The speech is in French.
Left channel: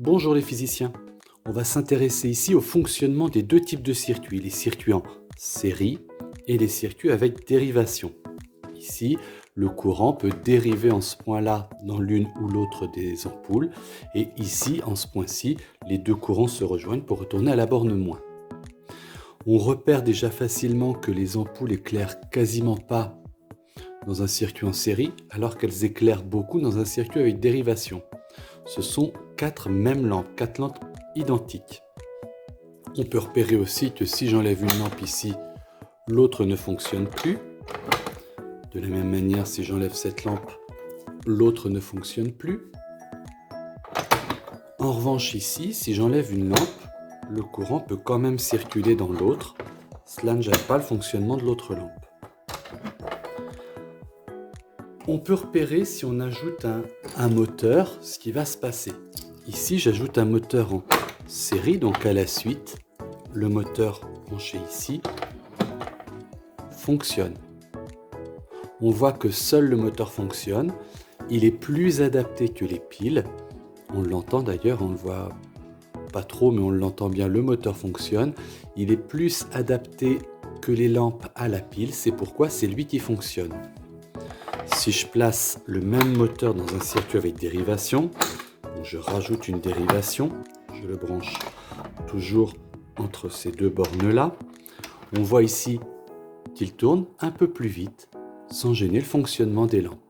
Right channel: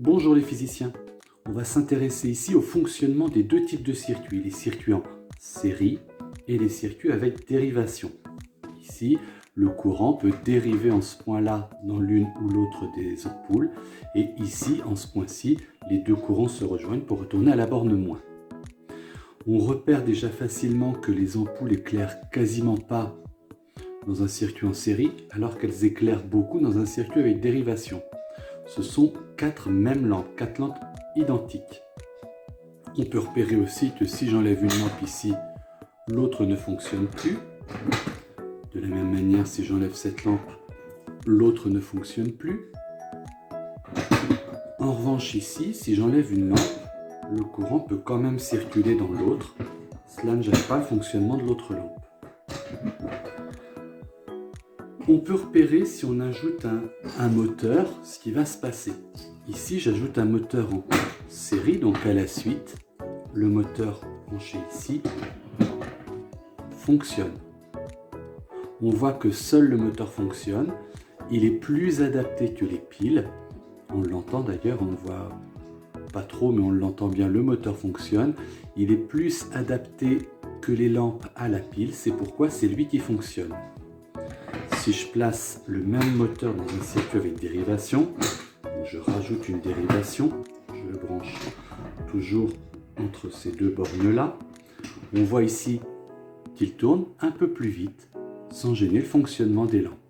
Bonjour les physiciens, on va s'intéresser ici au fonctionnement des deux types de circuits, les circuits en série et les circuits avec dérivation. Ici, le courant peut dériver en ce point-là dans l'une ou l'autre des ampoules et ici, en ce point-ci, les deux courants se rejoignent pour retourner à la borne moins. On repère déjà facilement que les ampoules éclairent quasiment pas dans un circuit en série alors qu'elles éclairent beaucoup dans un circuit avec dérivation. Ce sont quatre lampes identiques. On peut repérer aussi que si j'enlève une lampe ici, l'autre ne fonctionne plus. De la même manière, si j'enlève cette lampe, l'autre ne fonctionne plus. En revanche ici, si j'enlève une lampe, le courant peut quand même circuler dans l'autre. Cela ne gêne pas le fonctionnement de l'autre lampe. On peut repérer si on ajoute un moteur, ce qui va se passer. Ici, j'ajoute un moteur en série, donc à la suite, le moteur branché ici fonctionne. On voit que seul le moteur fonctionne. Il est plus adapté que les piles. On l'entend d'ailleurs, on ne le voit pas trop, mais on l'entend bien, le moteur fonctionne. Il est plus adapté que les lampes à la pile, c'est pourquoi c'est lui qui fonctionne. Si je place le même moteur dans un circuit avec dérivation, je rajoute une dérivation, je le branche toujours entre ces deux bornes-là. On voit ici qu'il tourne un peu plus vite, sans gêner le fonctionnement des lampes.